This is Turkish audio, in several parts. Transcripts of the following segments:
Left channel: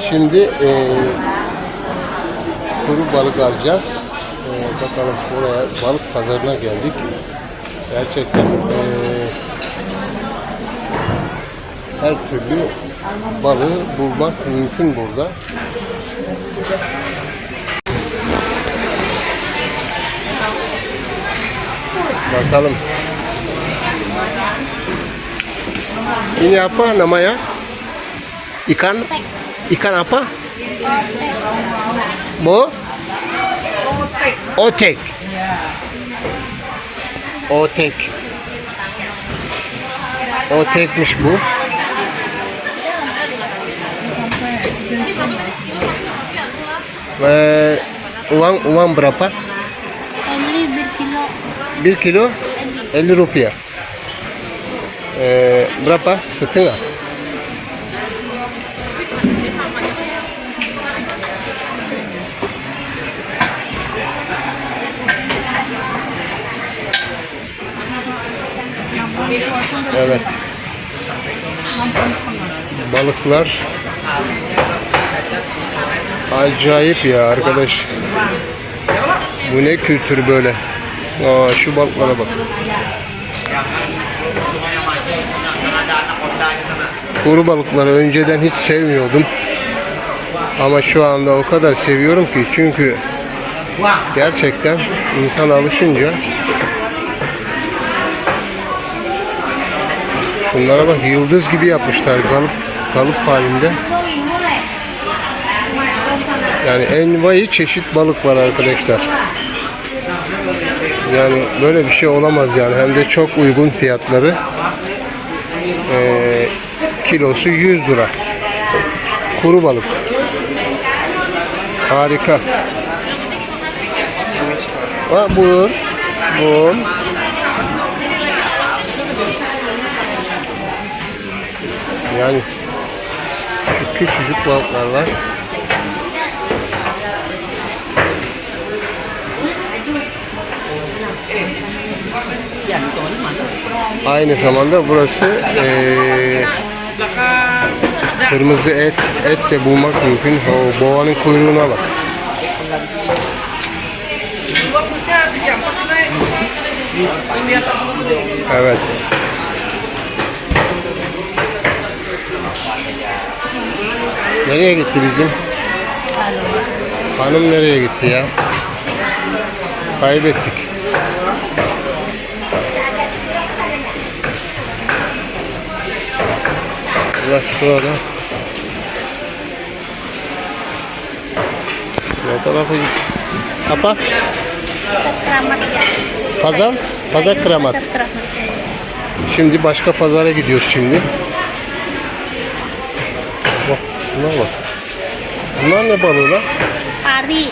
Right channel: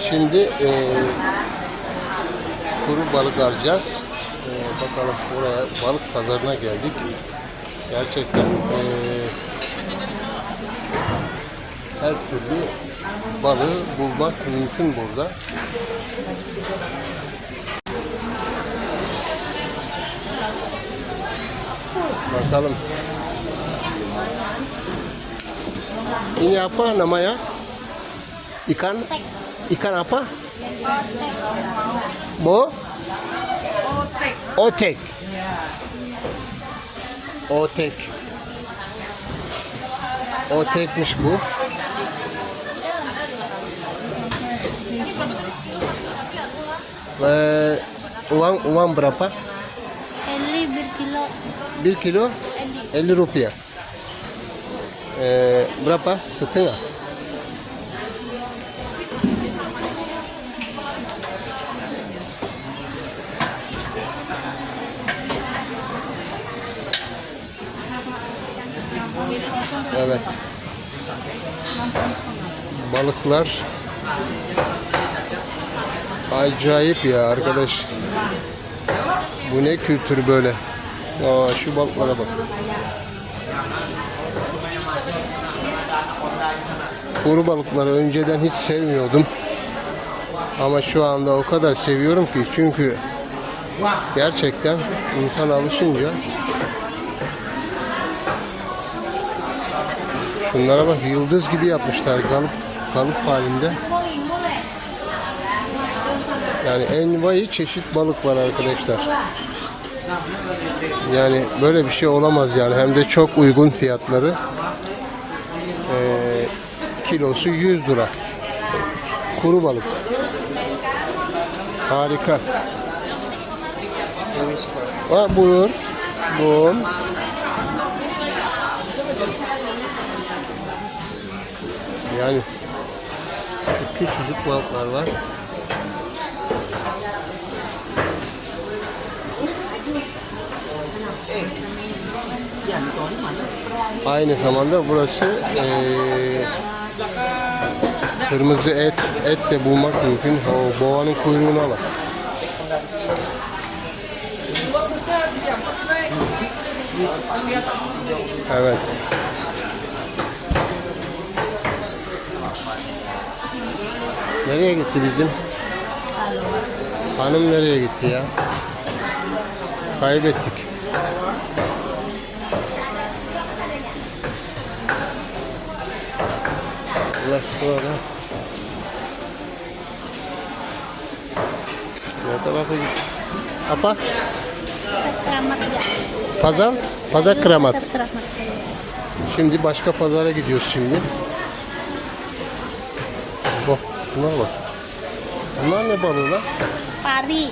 şimdi e, kuru balık alacağız. E, bakalım buraya balık pazarına geldik. Gerçekten e, her türlü balığı bulmak mümkün burada. Bakalım. Ini apa namanya? Ikan? Ikan apa? Bu? Otek. Otek. Otekmiş bu. Ve uang uang berapa? Ini bir 1 kilo kilo 50 rupiah. Ee, berapa? Setengah. Evet. Balıklar acayip ya arkadaş. Bu ne kültür böyle? Aa, şu balıklara bak. Kuru balıkları önceden hiç sevmiyordum. Ama şu anda o kadar seviyorum ki çünkü gerçekten insan alışınca Şunlara bak yıldız gibi yapmışlar kalıp kalıp halinde. Yani envai çeşit balık var arkadaşlar. Yani böyle bir şey olamaz yani hem de çok uygun fiyatları. Ee, kilosu 100 lira. Kuru balık. Harika. Ha buyur. Buyur. Yani şu küçücük balıklar var. Aynı zamanda burası eee, kırmızı et et de bulmak mümkün. O boğanın kuyruğuna bak. Evet. Nereye gitti bizim? Hanım nereye gitti ya? Kaybettik. Allah şurada. Ne tarafa gitti? Apa? Pazar? Pazar keramat. Şimdi başka pazara gidiyoruz şimdi. Bunlar bak. Bunlar ne balığı lan? Pari,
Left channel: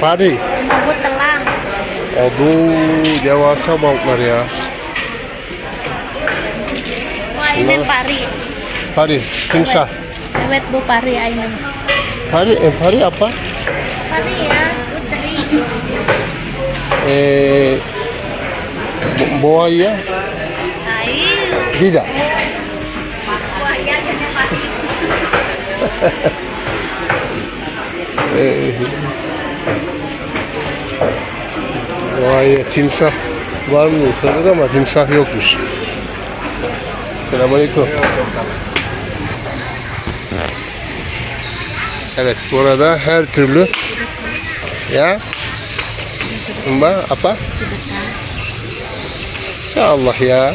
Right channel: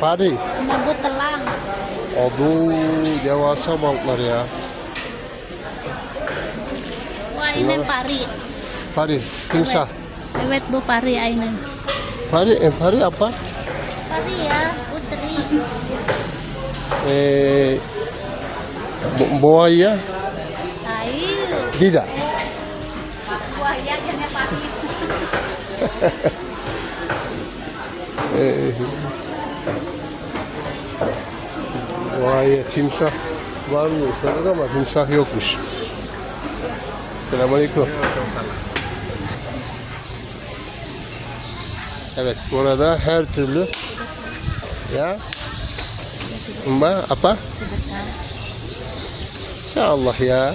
Pari. mabu telang. Aduh, devasa balıklar ya. Ini pari. Pari, timsah. Evet bu pari ini. Pari, eh, pari apa? Pari ya, putri. Eh, bu- buaya tidak. Wah ya sama pari. Vay timsah var mı diye sorduk ama timsah yokmuş. Selamünaleyküm. Evet burada her türlü ya Mbak apa? Allah ya.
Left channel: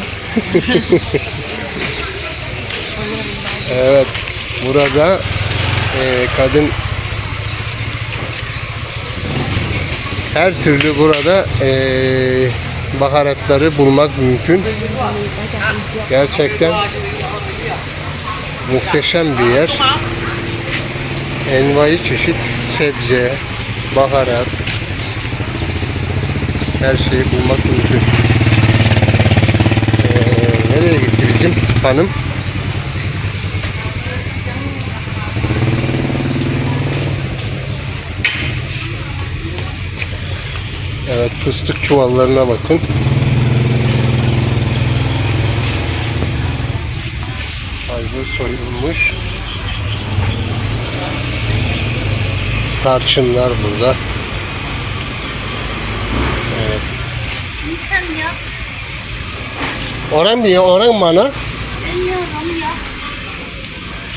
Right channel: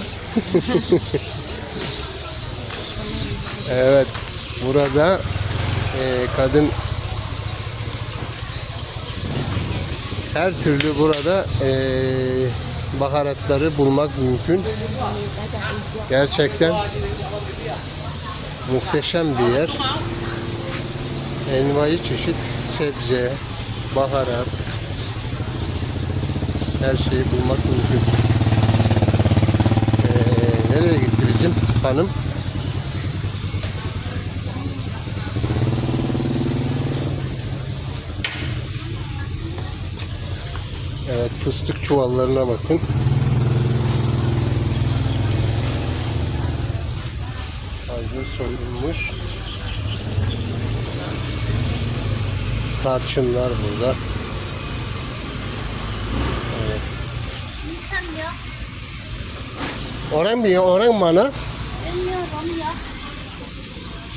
evet burada e, kadın her türlü burada eee, baharatları bulmak mümkün. Gerçekten muhteşem bir yer. Envai çeşit sebze, baharat, her şeyi bulmak mümkün. Eee, nereye gitti bizim hanım? Evet fıstık çuvallarına bakın. Ayva soyulmuş. tarçınlar burada. Minsan ya. Orang mı ya? Orang mana? Bilmiyorum ya.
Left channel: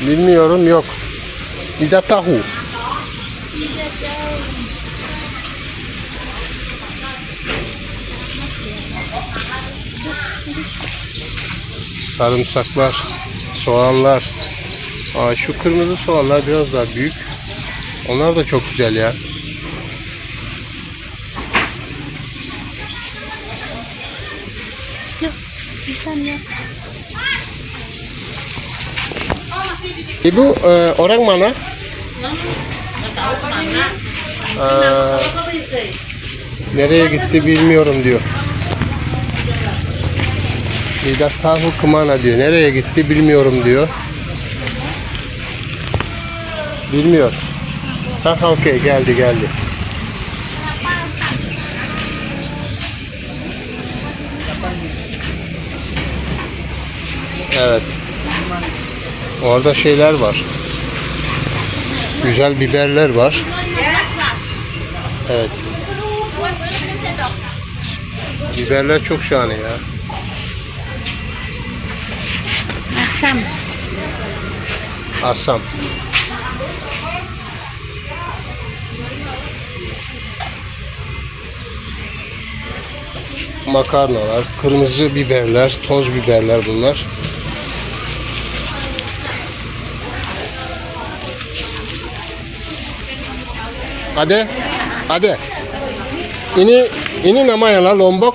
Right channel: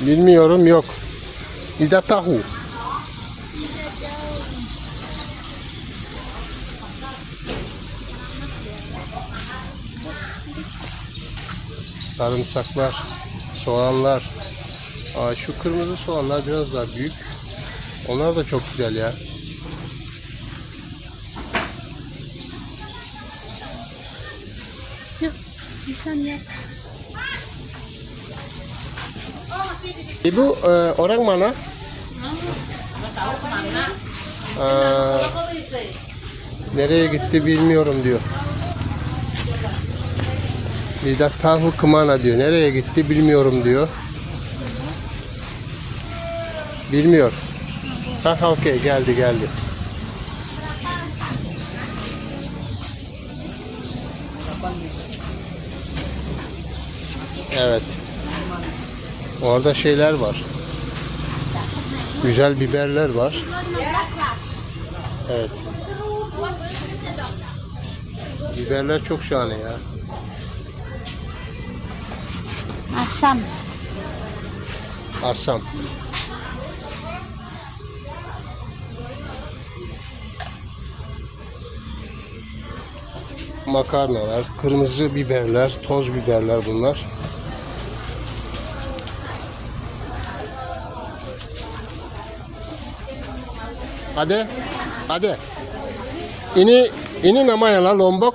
Bilmiyorum yok. Lidah tahu. Sarımsaklar, soğanlar. Aa, şu kırmızı soğanlar biraz daha büyük. Onlar da çok güzel ya. Ibu, eh, orang mana? Aa, nereye gitti bilmiyorum diyor. Lidah tahu kemana diyor. Nereye gitti bilmiyorum diyor. Bilmiyor. Ha ha okey geldi geldi. Evet. Orada şeyler var. Güzel biberler var. Evet. Biberler çok şahane ya. Asam. Asam. Makarnalar, kırmızı biberler, toz biberler bunlar. Ade, ade. Ini ini namanya lah lombok.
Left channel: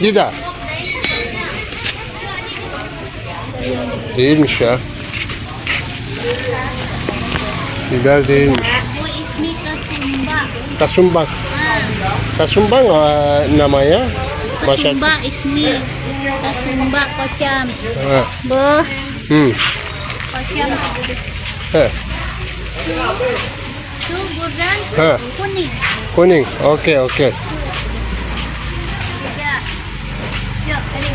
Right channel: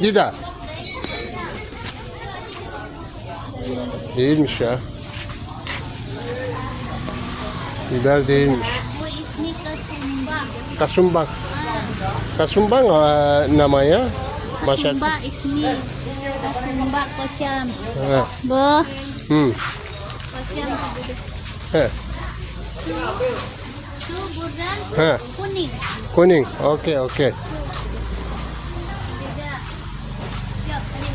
Tidak. Değilmiş ya. Biber değilmiş. Bu ismi kasumba. Kasumbang. Kasumbang eh, namanya? Masak. Kasumba ismi. Kasumba kocam. Ha. Bu Hmm. kocam. He. Itu buradan kuning. Kuning. Okey, okey. Ya. Yuk, ini.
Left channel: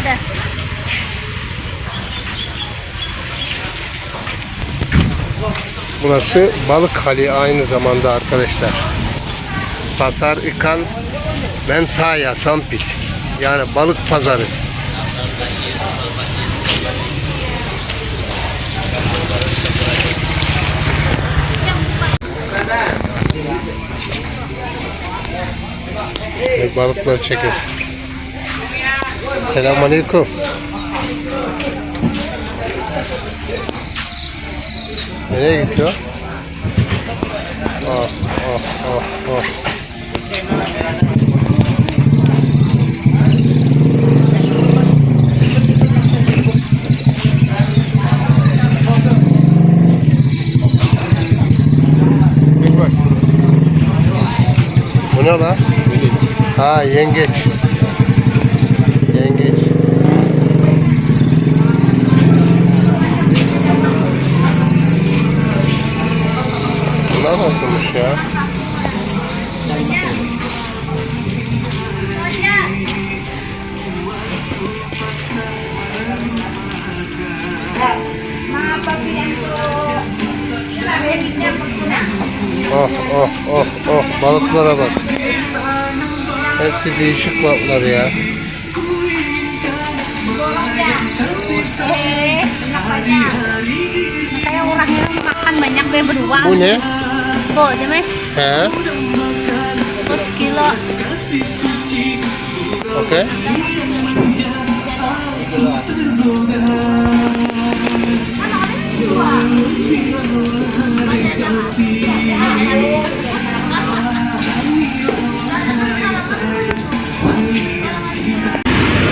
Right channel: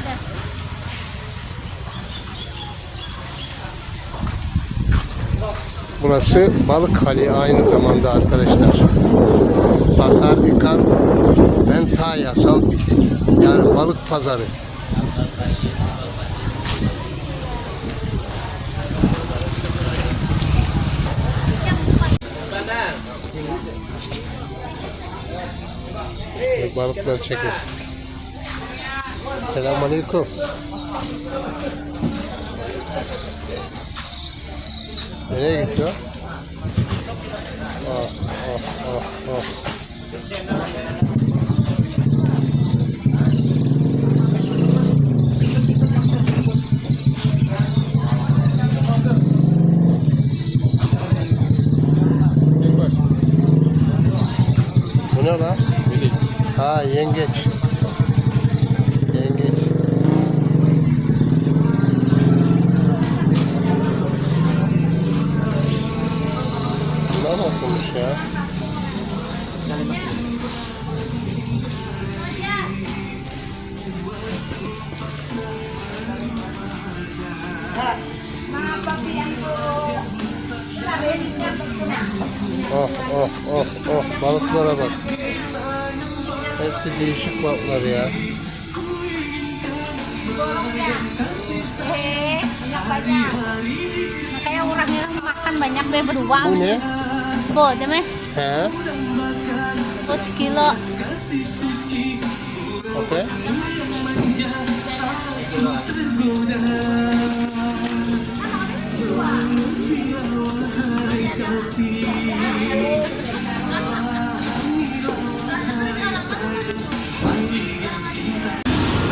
Udah. Burası balık hali aynı zamanda arkadaşlar. Pasar ikan Mentaya Sampit. Yani balık pazarı. Balıklar çekin. Selamünaleyküm. Nereye gitti o? Oh, oh, oh, oh. Bir bak. Bu ne lan? Ha be berdua. Bu ne? Oh, deme. He? Bu sekilo. Okey.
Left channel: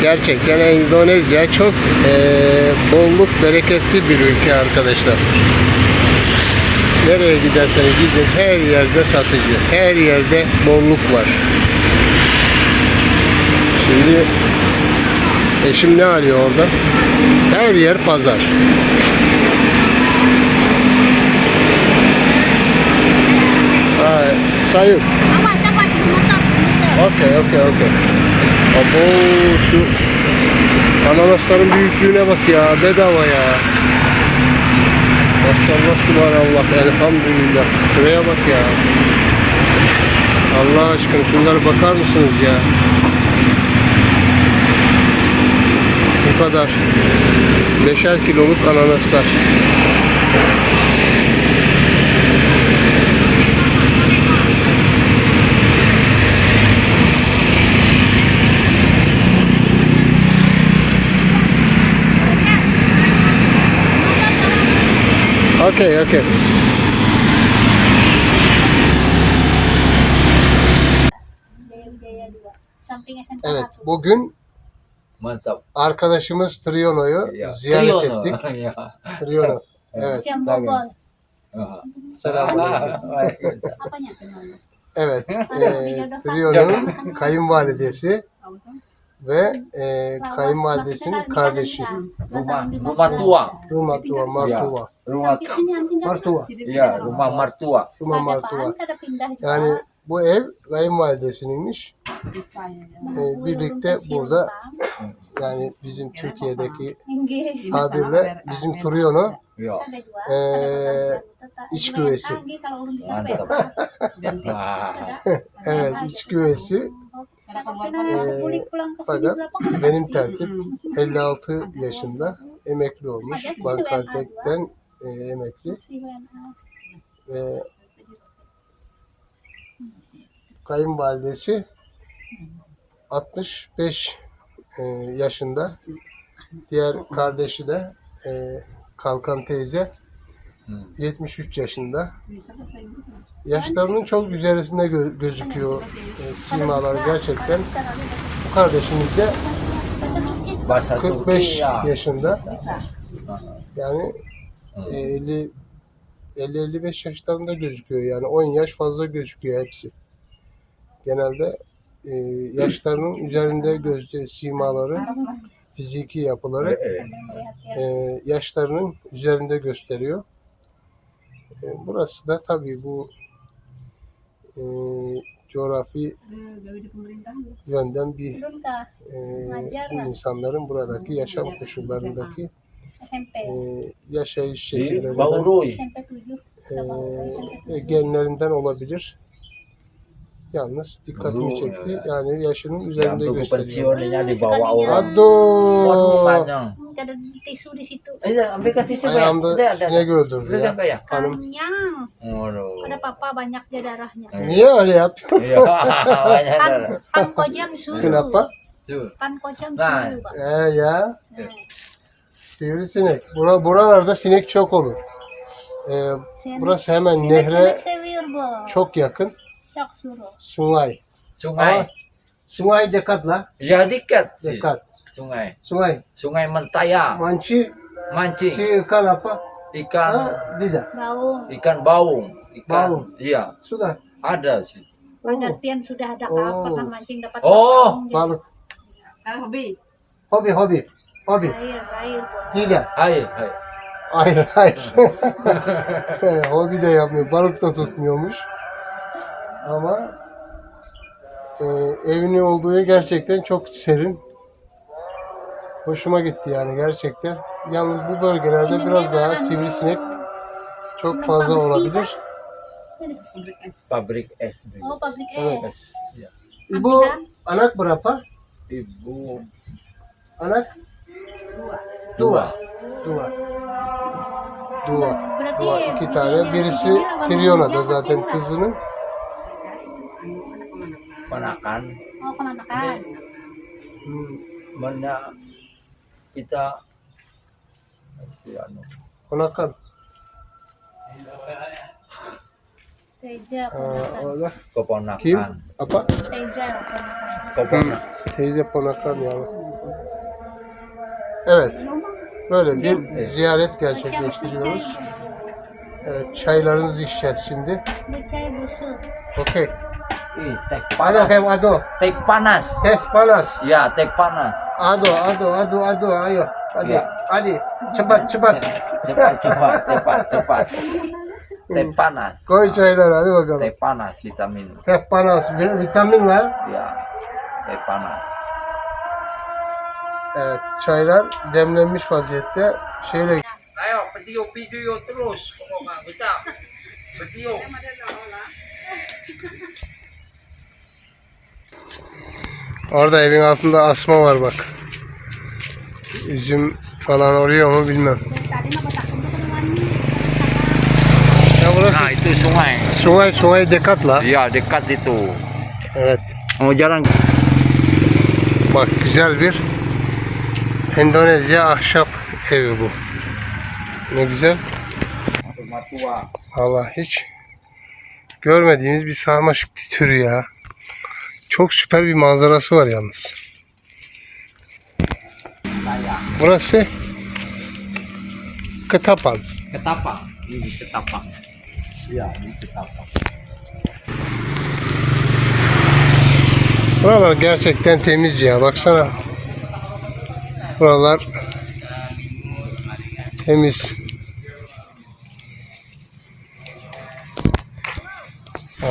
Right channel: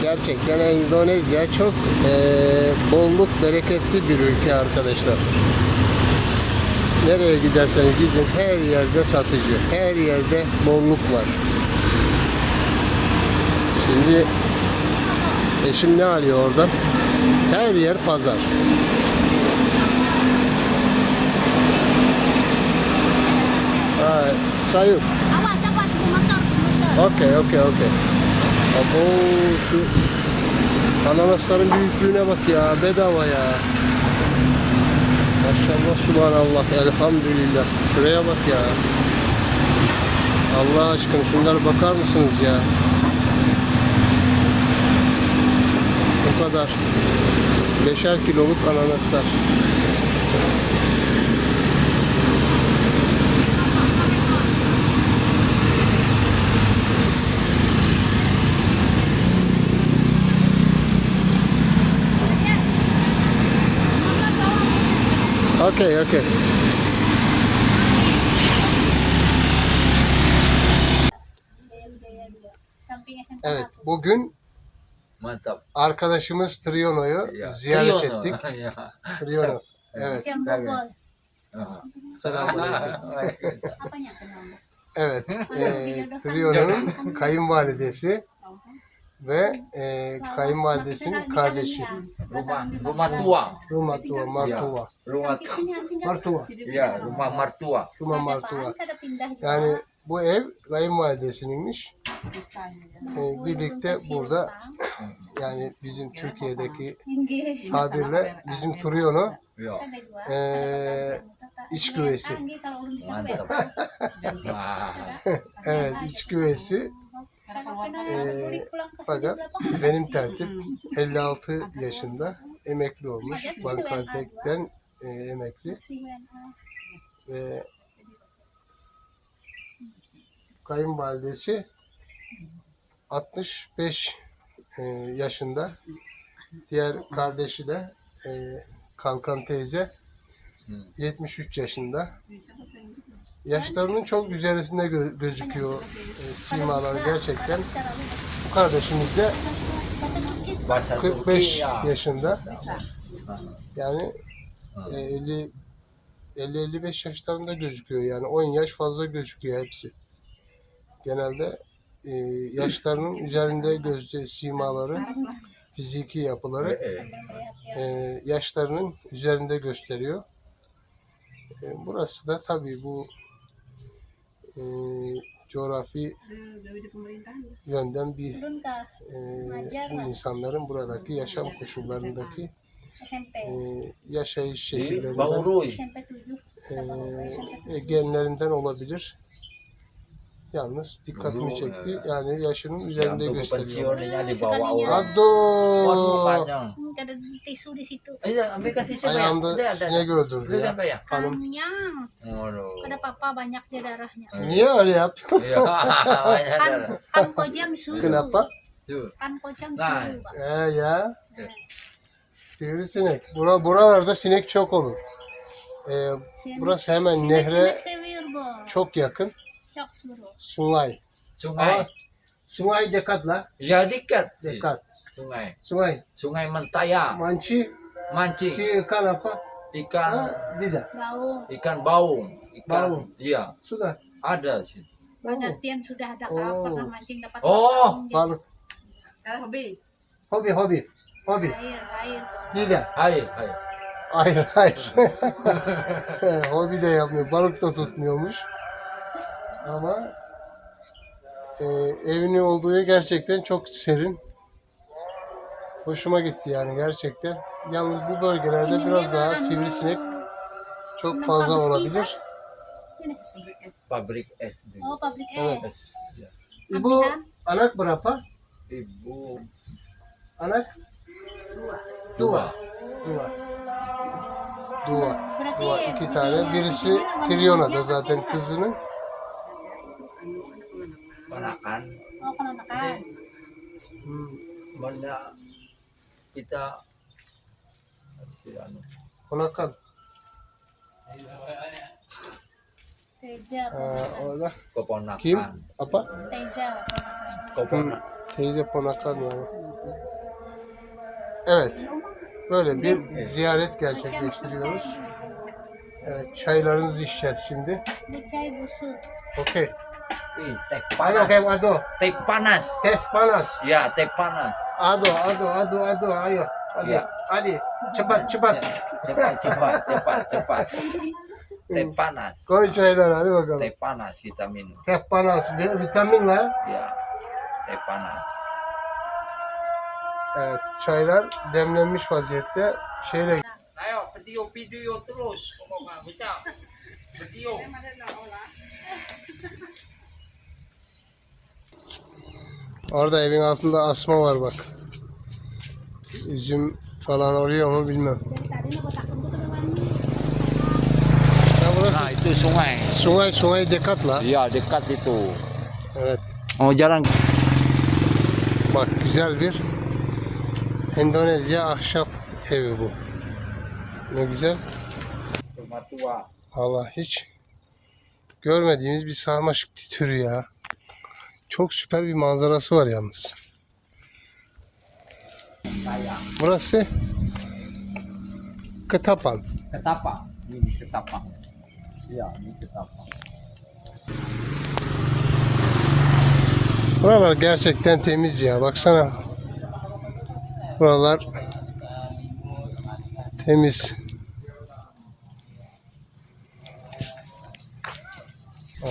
Gerçekten Endonezya çok eee, bolluk bereketli bir ülke arkadaşlar. Nereye giderseniz gidin her yerde satıcı, her yerde bolluk var. Şimdi eşim ne arıyor orada? Her yer pazar. Ay, sayın. Okey, okey, okey. Abo şu ananasların büyüklüğüne bak ya, bedava ya. Subhanallah elhamdülillah. Şuraya bak ya. Allah aşkına şunlara bakar mısınız ya? Bu kadar. Beşer kiloluk ananaslar. Samping SMP Evet, bugün Mantap. arkadaşımız Triono'yu Ya. ziyaret Triyono. ettik. Ya. Triono. Evet, bobol. Ah. teman? Evet, e, Triono'nun kayınvalidesi ve e, kayınvalidesinin kardeşi. Rumah rumah tua. Ruma Tua, Martua. Rumah Sampai sini anjing kan? Martua. ya rumah mertua. Ruma Ada Martua. apaan? Kada pindah juga. Yani bu ev kayınvalidesininmiş. Menunggu birlikte burada-. Yani bizim Türkiye'deki Inggih. tabirle bizim Triono Ya. Ada dua. Eh, Ada iç lumayan kalau bisa Mantap. Ah. evet iç pulang ke sini fakat berapa? benim tertip 56 yaşında emekli olmuş. Bankartek'ten e, emekli ve kayınvalidesi 65 e, yaşında. Diğer kardeşi de e, Kalkan teyze Hmm. 73 yaşında. Yaşlarının çok üzerinde gö- gözüküyor e, simaları gerçekten. Bu kardeşimiz de Bahasa 45 Turki ya. yaşında. Yani Hmm. E, 50 50-55 yaşlarında gözüküyor. Yani 10 yaş fazla gözüküyor hepsi. Genelde e, yaşlarının üzerinde gözde simaları, fiziki yapıları Eh, e, yaşlarının üzerinde gösteriyor. E, burası da tabii bu e, coğrafi yönden bir e, bu insanların buradaki yaşam koşullarındaki. E, yaşayış şekillerinden Bauruy. SMP 7. e, genlerinden olabilir. Yalnız dikkatimi çekti. Yani yaşının üzerinde gösteriyor. Ado! Eh. Ayağımda sinek öldürdü ya. Hanım. Pada papa banyak dia darahnya. Niye öyle yapıyor? Kan, kojam suruh. Kenapa? Kan kojam Nah. suruh. He ya. Sivrisinek. Bura, buralarda sinek çok olur. Ee, Sinek- burası hemen sinek- nehre sinek seviyor bu. çok yakın. Çok suruh. Sungai. Sungai. Aa, Sungai dekat lah. Ya dekat sih. Dekat. Sungai. Sungai. Sungai Mentaya. Manci, Mancing. ci ikan apa? Ikan Ha, tidak. Bau. ikan baung. Ikan. Baung. Iya, Sudah. ada sih. Pada spion sudah ada Oh. pernah mancing dapat Oh, baung. Balık. Kalau hobi, Hobi, hobi. Air bu. Tidak. Hai, hai. Hayır, hayır. He, hobi de yapmıyor. Balık da tutmuyormuş. Ama e, evinin olduğu yer gerçekten çok serin. Hoşuma gitti yani gerçekten. Yalnız bu bölgelerde biraz daha sivrisinek çok fazla olabilir. Pabrik es. Oh pabrik Evet. es. Es. Ya. İbo anak berapa? Ibu Anak dua. dua. Dua. Berarti Dua iki tane. bininya Birisi ibunya apa Triona'da namanya? zaten Apa kızının. Panakan. Oh kenakan. Hmm, Mana kita si anu. Onakan. Teja Ha, kenakan. o da Keponakan. kim? Apa? Teja kenakan. Keponakan. Teyze ponakan yani. Evet. Böyle bir ziyaret gerçekleştiriyoruz. Evet, çaylarımızı içeceğiz şimdi. Bu çay busuk. Okey. Teh bakayım panas. ado. Teh panas. Tes panas. Ya, teh panas. Ado, ado, ado, ado. Ayo. Hadi. Ya. Hadi. Cepat, cepat. Cepat, cepat, cepat, cepat. Teh panas. Koy çayları hadi bakalım. Teh panas kita minum. Teh panas. vi- Vitaminler. Ya, teh panas. Evet, çaylar demlenmiş vaziyette. Şeyle Ayo, terus kita. Video. Orada evin altında asma var bak. Üzüm falan oluyor mu bilmem. Ya burası Nah, itu sungai. Sungay Sungay Dekatla. Ya, dekat itu. Evet. Oh, jalan Bak güzel bir Endonezya ahşap evi bu. Ne güzel. Allah hiç görmediğimiz bir sarmaşık türü ya. Çok süper bir manzarası var yalnız. Burası Ketapan. Ketapang. Ini ketapang. Ya, ini ketapang. Buralar gerçekten temiz ya. Baksana. Buralar temiz.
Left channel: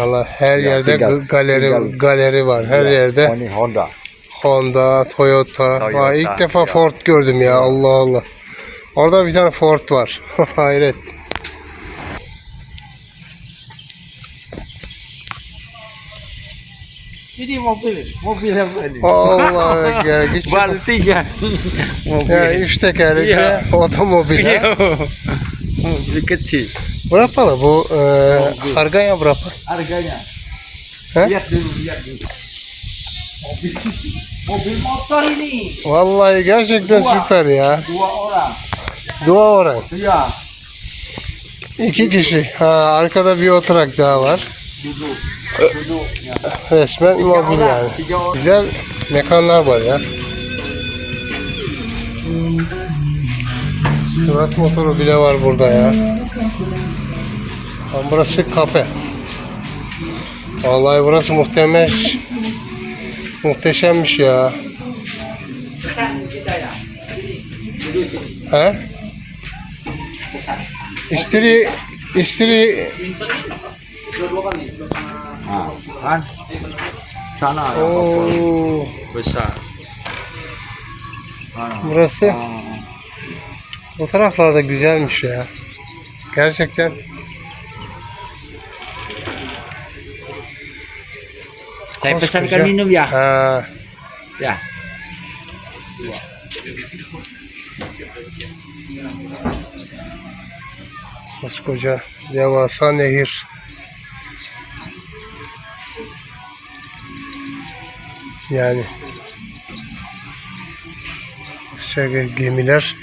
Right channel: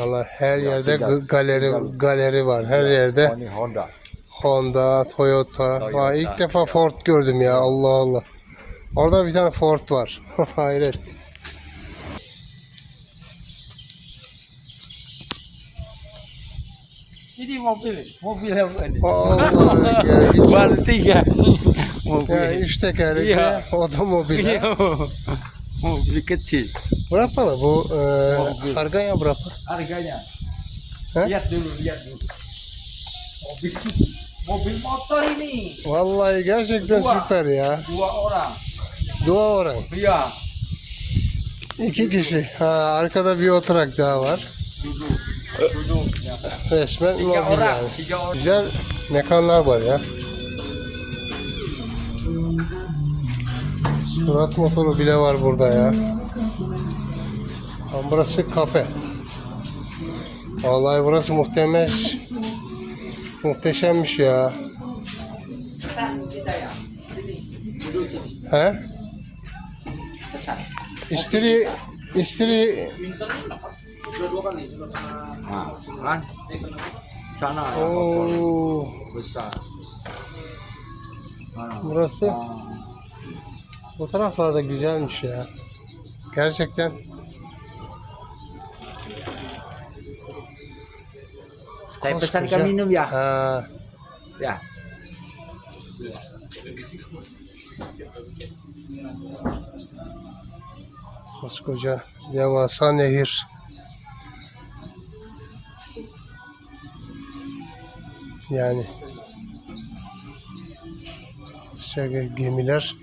Allah her Ya, yerde galeri galeri var. Her yerde Honda. Honda, Toyota. Toyota, ilk defa ya. Ford gördüm ya. Allah Allah. Orada bir tane Ford var. Hayret. Ini mobil, mobil apa ini? Allah ya. Hiç, Baltik ya. ya üç tekerlekli Ya. otomobil. ha. mobil kecil. Berapa lah bu? e, harganya berapa? Harganya. Hah? Lihat dulu, lihat dulu. Mobil, mobil motor ini Vallahi gerçekten Dua. süper ya. dua orang. Dua orang. Ya, İki kişi. Ha, arkada bir oturak daha var. duduk. Resmen mobil yani. Güzel mekanlar var ya. Surat motoru bile var burada ya. Ama burası kafe. Vallahi burası muhtemeş. Muhteşemmiş ya. He? İstiri, istiri Nah, kan? Sana ya, Oo, besar. burası bu taraflarda güzelmiş ya. Gerçekten Saya pesankan koskoca- minum ya. Ha, Ya. koskoca devasa nehir. Yani şöyle gemiler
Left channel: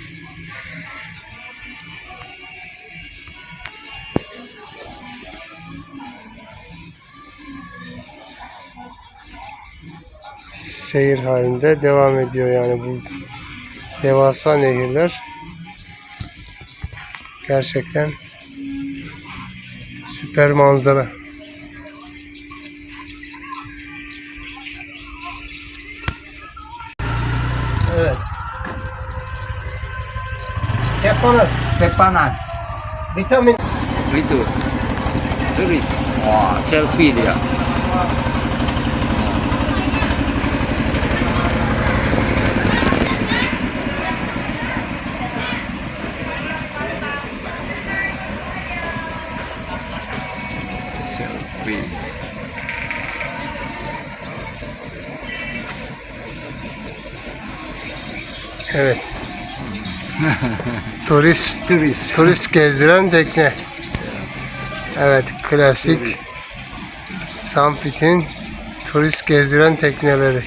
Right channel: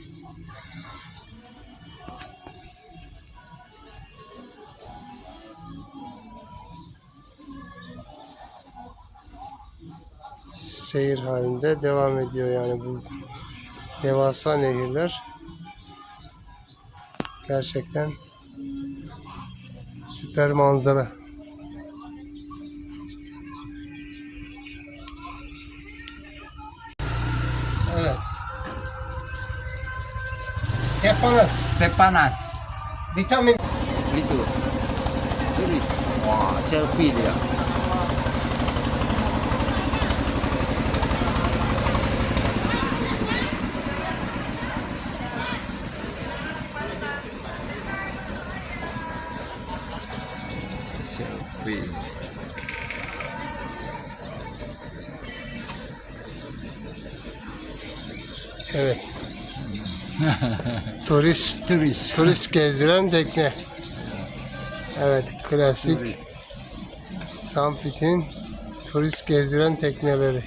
seyir halinde devam ediyor yani bu devasa nehirler gerçekten süper manzara. Tepanas, Teh panas. vitamin Gitu. Turis. Wah, selfie dia. Turist Turis. turist gezdiren tekne. Evet, klasik Sampit'in turist gezdiren tekneleri.